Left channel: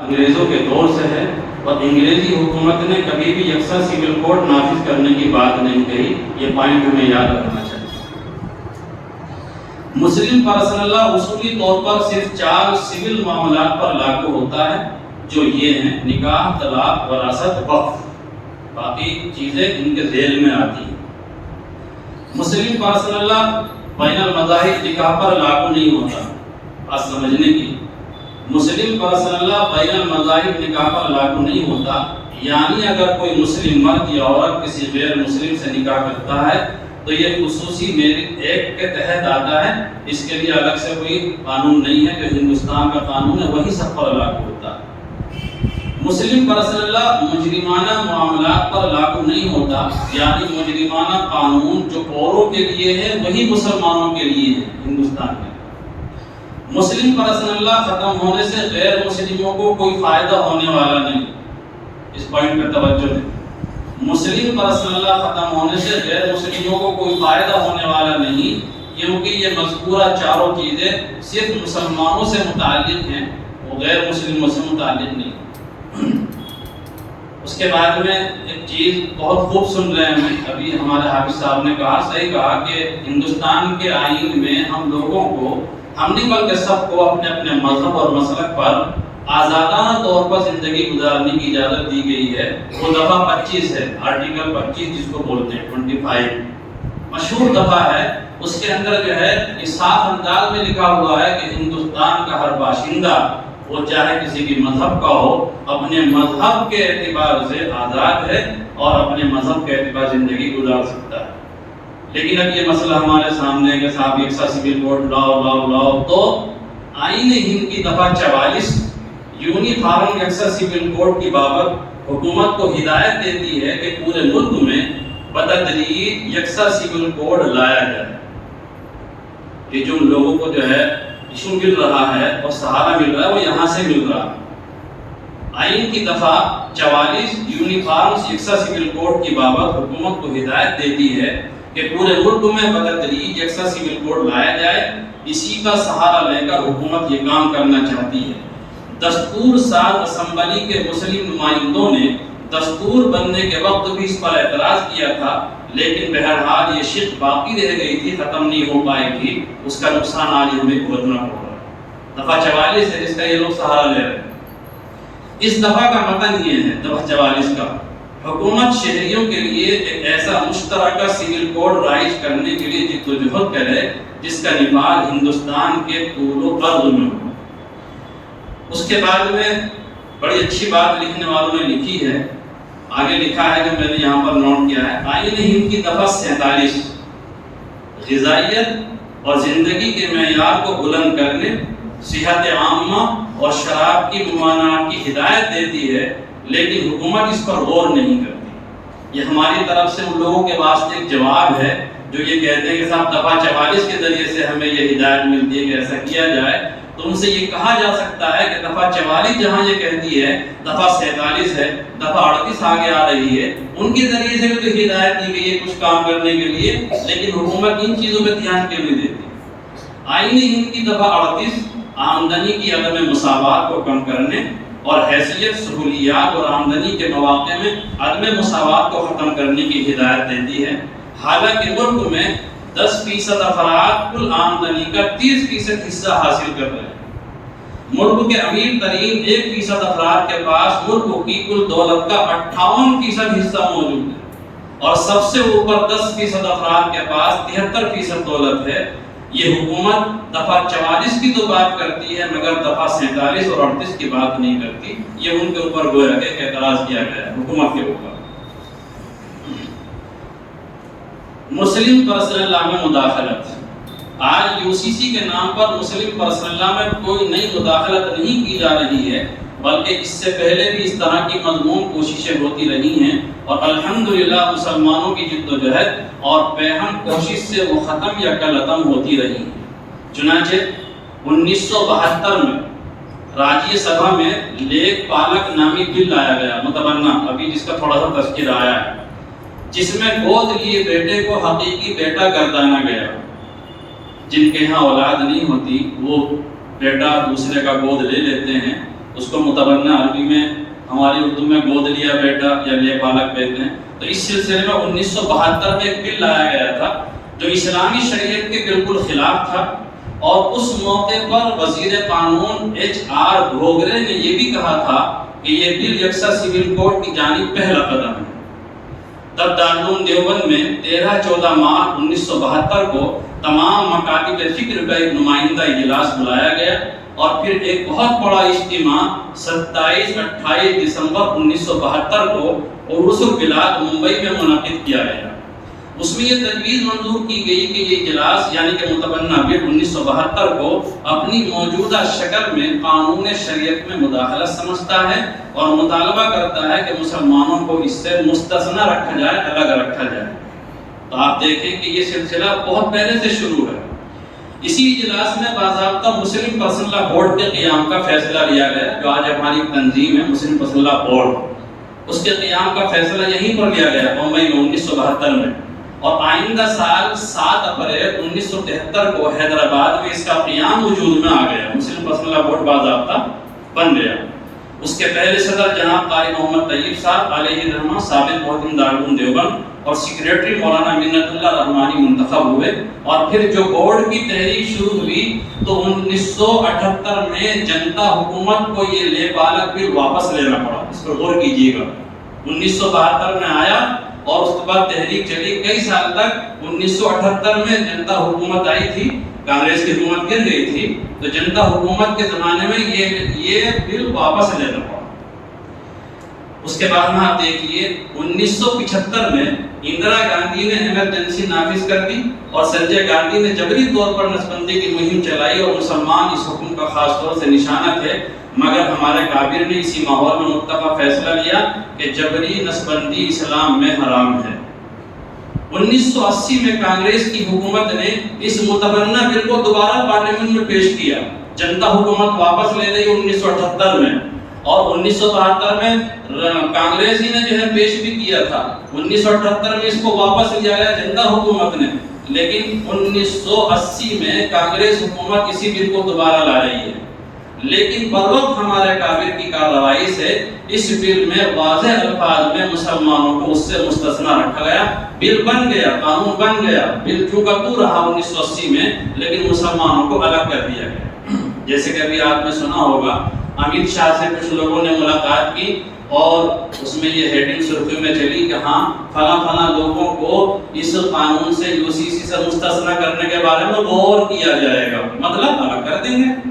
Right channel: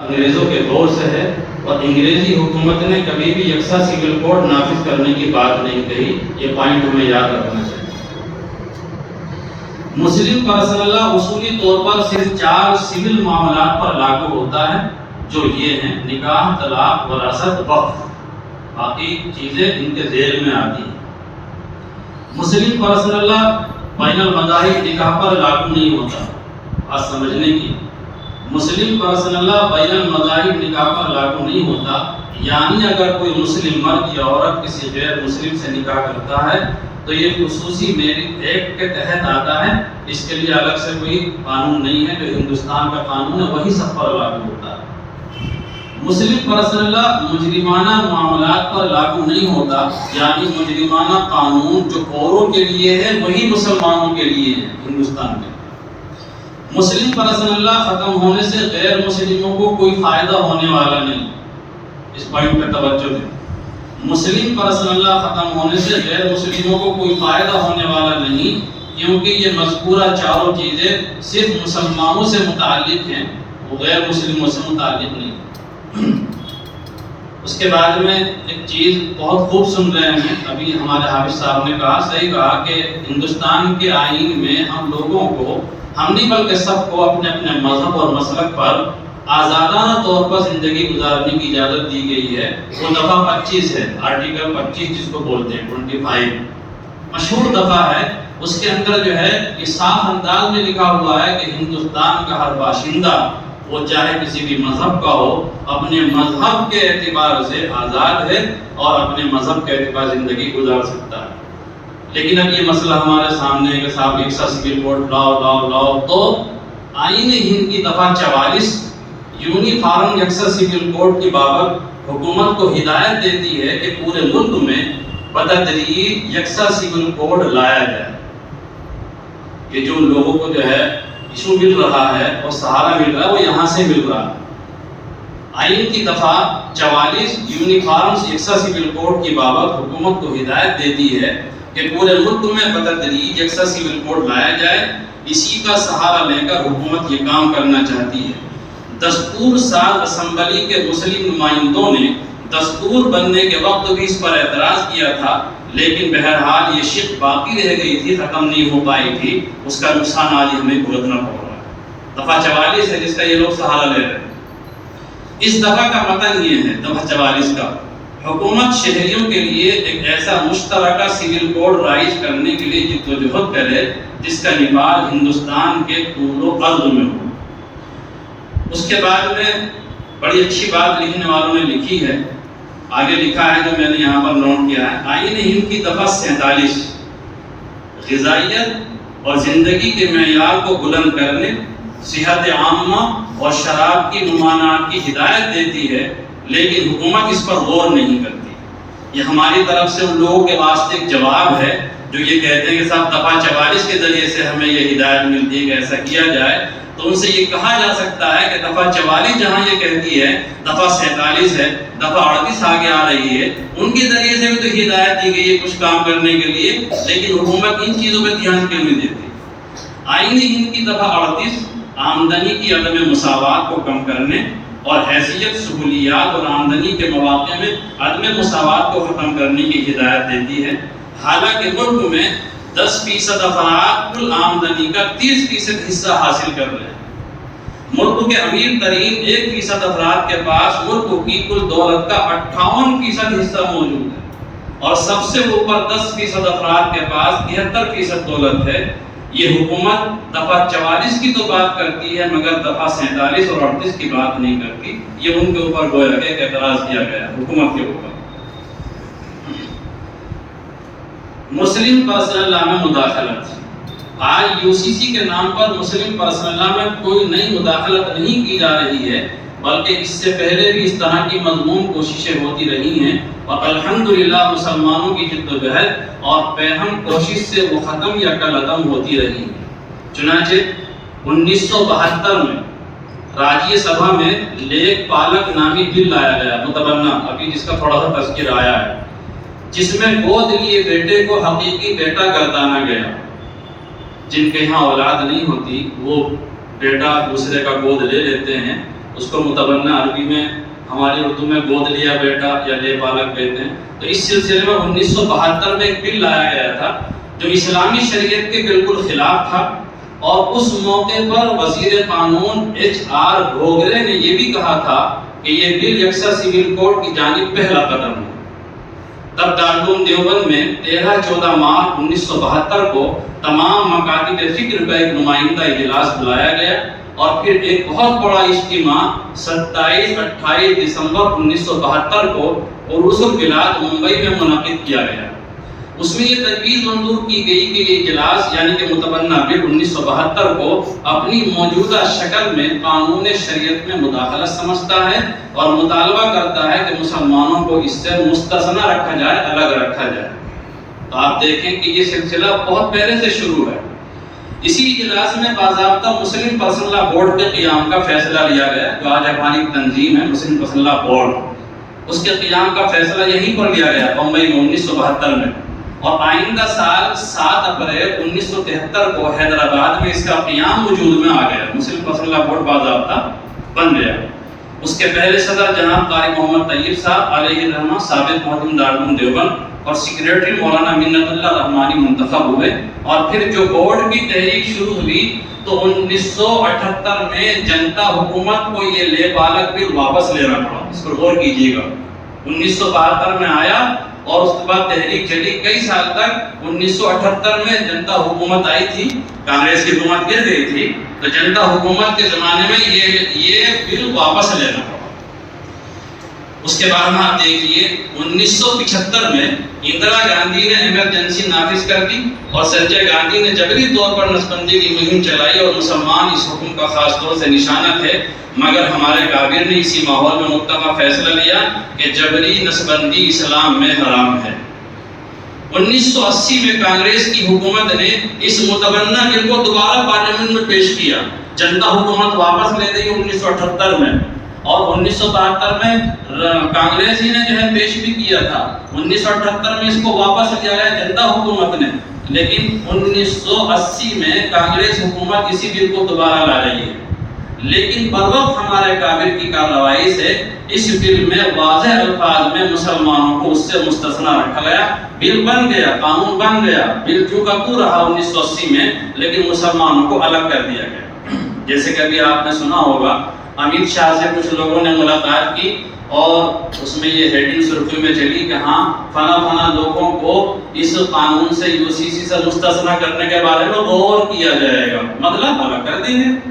انگریزوں کے دور سے ہے اور انگریزی حکومت نے کبھی بھی یکساں سول کوڈ نافذ کرنے کی بات نہیں کہی. یہ پوائنٹ ہمیں یاد رکھنا چاہیے. مسلم پرسنل لا اصولی طور پر صرف 4 سول معاملات پر لاگو ہوتا ہے جو یہ ہیں: نکاح، طلاق، وراثت، وقف. باقی چیزیں ان کے ذیل میں آتی ہیں. مسلم پرسنل لا بین المذاہب نکاح پر لاگو نہیں ہوتا. بات سمجھنے کی، مسلم پرسنل لا بین المذاہب نکاح پر لاگو نہیں ہوتا. یعنی اگر کوئی مسلم مرد یا عورت کسی غیر مسلم سے نکاح کرتا ہے تو یہ خصوصی میرج ایکٹ کے تحت آتا ہے. اس کے لیے الگ سے کوئی قانون نہیں ہے. جو ہندوستان کا قانون ہے وہی سب پر لاگو ہوتا ہے. مسلم پرسنل لا مجرمانہ معاملات پر لاگو نہیں ہوتا. یعنی مجرمانہ قانون جو اوروں کے لیے ہے وہی مسلمانوں کے لیے ہے ہندوستان میں. مسلم پرسنل لا ختم ہونے سے غیر مسلموں کو کوئی فائدہ ہونے والا نہیں. اس پوائنٹ پہ توجہ دیں. مسلم پرسنل لا ختم ہونے سے غیر مسلموں کو کوئی فائدہ ہونے والا نہیں، کیونکہ یہ مذکورہ چاروں چیزیں صرف مسلمانوں سے متعلق ہیں، وہ غیر مسلموں سے متعلق نہیں. اس کے بعد میں ایک چیز بہت خوب سن رہے ہیں، ابھی ہمارے حافظ صاحب نے کہا، صحیح کہا کہ ہندوستان کے آئین میں ہم لوگوں کو، ہم نہیں بلکہ سب کو اپنے اپنے مذہب اور مسلک پر آزادانہ طور پر زندگی گزارنے کی اجازت دی گئی ہے. وہ دفعہ 25 ہے، آرٹیکل 25 جس کو بولتے ہیں 25 مشہور دفعہ ہے. اس کے اندر جو ہے یہ صاف انداز میں لکھا ہوا ہے کہ ہندوستان کا ہر باشندہ، وہ چاہے کسی بھی مذہب کا ہو، اپنے مذہب کے اعتبار سے آزاد ہے اور اپنے مذہب کے اعتبار زندگی گزار سکتا ہے. لیکن اب یہ مسئلہ ہمارے سامنے ہے کہ صاحب یکساں سول کوڈ لاؤ. تو آئین ہند کی دفعہ 44 یونیفارم یکساں سول کوڈ کی بابت حکومت کو ہدایت دیتی ہے کہ پورے ملک میں بتدریج یکساں سول کوڈ لایا جائے. یہ جو لوگوں کو جو ہے ایشو مل رہا ہے اور سہارا مل رہا ہے وہ یہاں سے مل رہا ہے. آئین کی دفعہ 44 یونیفارم یکساں سول کوڈ کی بابت حکومت کو ہدایت دیتی ہے کہ پورے ملک میں بتدریج یکساں سول کوڈ لایا جائے. اسی کا سہارا لے کر حکومت یہ کام کرنا چاہتی ہے. دستور ساز اسمبلی کے مسلم نمائندوں نے دستور بننے کے وقت بھی اس پر اعتراض کیا تھا، لیکن بہرحال یہ شق باقی رہ گئی تھی، ختم نہیں ہو پائی تھی. اس کا نقصان آج ہمیں بھگتنا پڑ رہا ہے. دفعہ 44 ہے جس کا یہ لوگ سہارا لے رہے ہیں. اس دفعہ کا متن یہ ہے، دفعہ 44 کا: حکومت شہریوں کے لیے ایک ایسا مشترکہ سول کوڈ رائج کرنے کے لیے جدوجہد کرے جس کا نفاذ ہندوستان کے طول و عرض میں ہو. اس کے بعد میں بڑی اچھی بات لکھنے والوں نے لکھی ہے، آگے لکھا ہے جو میں نے یہاں پر نوٹ کیا ہے. آئین ہند کی دفعہ 47 غذائیت اور زندگی کے معیار کو بلند کرنے، صحت عامہ اور شراب کی ممانعت کی ہدایت دیتی ہے، لیکن حکومت اس پر غور نہیں کرتی. یہ ہماری طرف سے ان لوگوں کے واسطے ایک جواب ہے جو یہ کہتے ہیں کہ صاحب دفعہ 44 کے ذریعے سے ہمیں یہ ہدایت ملتی ہے کہ ایسا کیا جائے. تو ان سے یہ کہا جا سکتا ہے کہ دفعہ 44 جہاں یہ کہتی ہے دفعہ 47 ہے، دفعہ 38 آگے آ رہی ہے، ان کے ذریعے سے بھی تو ہدایت دی گئی ہے کچھ کام کرنے کے لیے، لیکن حکومت ان چیزوں پہ دھیان کیوں نہیں دیتی. آئین ہند کی دفعہ 38 آمدنی کی عدم مساوات کو کم کرنے اور حیثیت، سہولیات اور آمدنی کے مواقع میں عدم مساوات کو ختم کرنے کی ہدایت دیتی ہے. حالانکہ ملک میں 10% افراد کل آمدنی کا 30% حصہ حاصل کر رہے ہیں. ملک کے امیر ترین 1% افراد کے پاس ملک کی کل دولت کا 58% حصہ موجود ہے، اور سب سے اوپر 10% افراد کے پاس 73% دولت ہے. یہ حکومت دفعہ 44 کی تو بات کرتی ہے مگر دفعہ 47 اور 38 کی بات نہیں کرتی. یہ ان کے اوپر گویا کہ اعتراض کیا گیا حکومت کے اوپر. مسلم پرسنل لا میں مداخلت. آج UCC کے نام پر مسلم پرسنل لا میں کوئی نئی مداخلت نہیں کی جا رہی ہے، بلکہ اس سے پہلے بھی اس طرح کی مضمون کوششیں ہوتی رہی ہیں، اور الحمدللہ مسلمانوں کی جدوجہد اور پیہم کوشش سے وہ ختم یا کالعدم ہوتی رہی. چنانچہ 1972 میں راجیہ سبھا میں لیک پالک نامی بل لایا گیا، متبنہ، ابھی جس کا تھوڑا سا تذکر آیا ہے، جس میں گود لیے بیٹے کو حقیقی بیٹا گردانا گیا. جن کے یہاں اولاد نہیں ہوتی وہ بیٹا دوسرے کا گود لے لیتے ہیں، اس کو متبنہ عربی میں ہماری اردو میں گود لیا بیٹا یا لے بالک کہتے ہیں. تو اس سلسلے میں 1972 میں ایک بل لایا گیا تھا جو اسلامی شریعت کے بالکل خلاف تھا، اور اس موقع پر وزیر قانون HR گھوگرے نے یہ بھی کہا تھا کہ یہ بل یکساں سول کوڈ کی جانب پہلا قدم ہے. تب دارالعلوم دیوبند میں 13-14 مارچ 1972 کو تمام مکاتب فکر کا ایک نمائندہ اجلاس بلایا گیا، اور پھر ایک بہت بڑا اجتماع 27-28 دسمبر 1972 کو عروس البلاد ممبئی میں منعقد کیا گیا. اس میں یہ تجویز منظور کی گئی کہ یہ اجلاس یعنی کہ متبنہ بل 1972 کو اپنی موجودہ شکل میں قانون شریعت میں مداخلت سمجھتا ہے اور مطالبہ کرتا ہے کہ مسلمانوں کو اس سے مستثنی رکھا جائے، الگ رکھا جائے. تو آپ دیکھیں کہ یہ سلسلہ بہت پہلے سے شروع ہے. اسی اجلاس میں باضابطہ مسلم پرسنل لا بورڈ کے قیام کا فیصلہ لیا گیا، جو آج ہماری تنظیم ہے مسلم پرسنل لا بورڈ، اس کے قیام کا فیصلہ یہیں پر لیا گیا ممبئی میں 1972 میں. اور آئندہ سال 7 اپریل 1973 کو حیدرآباد میں اس کا قیام وجود میں آ گیا، مسلم پرسنل لا بورڈ باضابطہ بن گیا. اس کے پہلے صدر جناب قاری محمد طیب صاحب علیہ الرحمہ سابق محتم دارالعلوم دیوبند اور سیکریٹری مولانا منت اللہ رحمانی منتخب ہوئے. اور پھر جو بورڈ کی تحریک شروع ہوئی تو 1978 میں جنتا حکومت کو یہ لے بالک بل واپس لینا پڑا. اس پر غور کیجیے گا. 1972 میں آیا اور اس کے بعد تحریک چلی کئی سال تک. 1978 میں جنتا حکومت آئی تھی، کانگریس کی حکومت گر گئی تھی، تو جنتا حکومت کے زمانے میں یہ بل واپس لینا پڑا. اس کے بعد آپ دیکھیے 1975 میں اندرا گاندھی نے ایمرجنسی نافذ کر دی اور سنجے گاندھی نے جبری طور پر نسبندی کی مہم چلائی، اور مسلمان اس حکم کا خاص طور سے نشانہ تھے. مگر ہمارے کابر نے اسی ماحول میں متفق فیصلہ لیا کہ جبری نسبندی اسلام میں حرام ہے. 1980 میں کانگریس کی حکومت نے اس متبنہ بل کو دوبارہ پارلیمنٹ میں پیش کیا. جنتا حکومت واپس لے گئی 1978 میں، اور 1972 میں کانگریس ہی نے جو ہے پیش بھی کیا تھا. 1978 میں اس کو واپس لیا گیا جنتا حکومت نے، لیکن 1980 میں کانگریس حکومت اسی بل کو دوبارہ لا رہی ہے. لیکن بروقت ہمارے کابر کی کارروائی سے اس بل میں واضح الفاظ میں مسلمانوں کو اس سے مستثنی رکھا گیا. بل بن گیا، قانون بن گیا، بل چونکہ تو رہا 1980 میں، لیکن مسلمانوں کو الگ کر دیا گیا. جیسے کہ ابھی آپ نے سنا ہوگا امت شاہ سے کچھ لوگوں نے ملاقات کی اور اس میں یہ ہیڈنگ سرخی میں چلی کہ ہاں فلاں فلاں لوگوں کو اس قانون سے UCC سے مستثنی کرنے کے بارے میں غور کیا جائے گا، مطلب الگ کر دیں گے.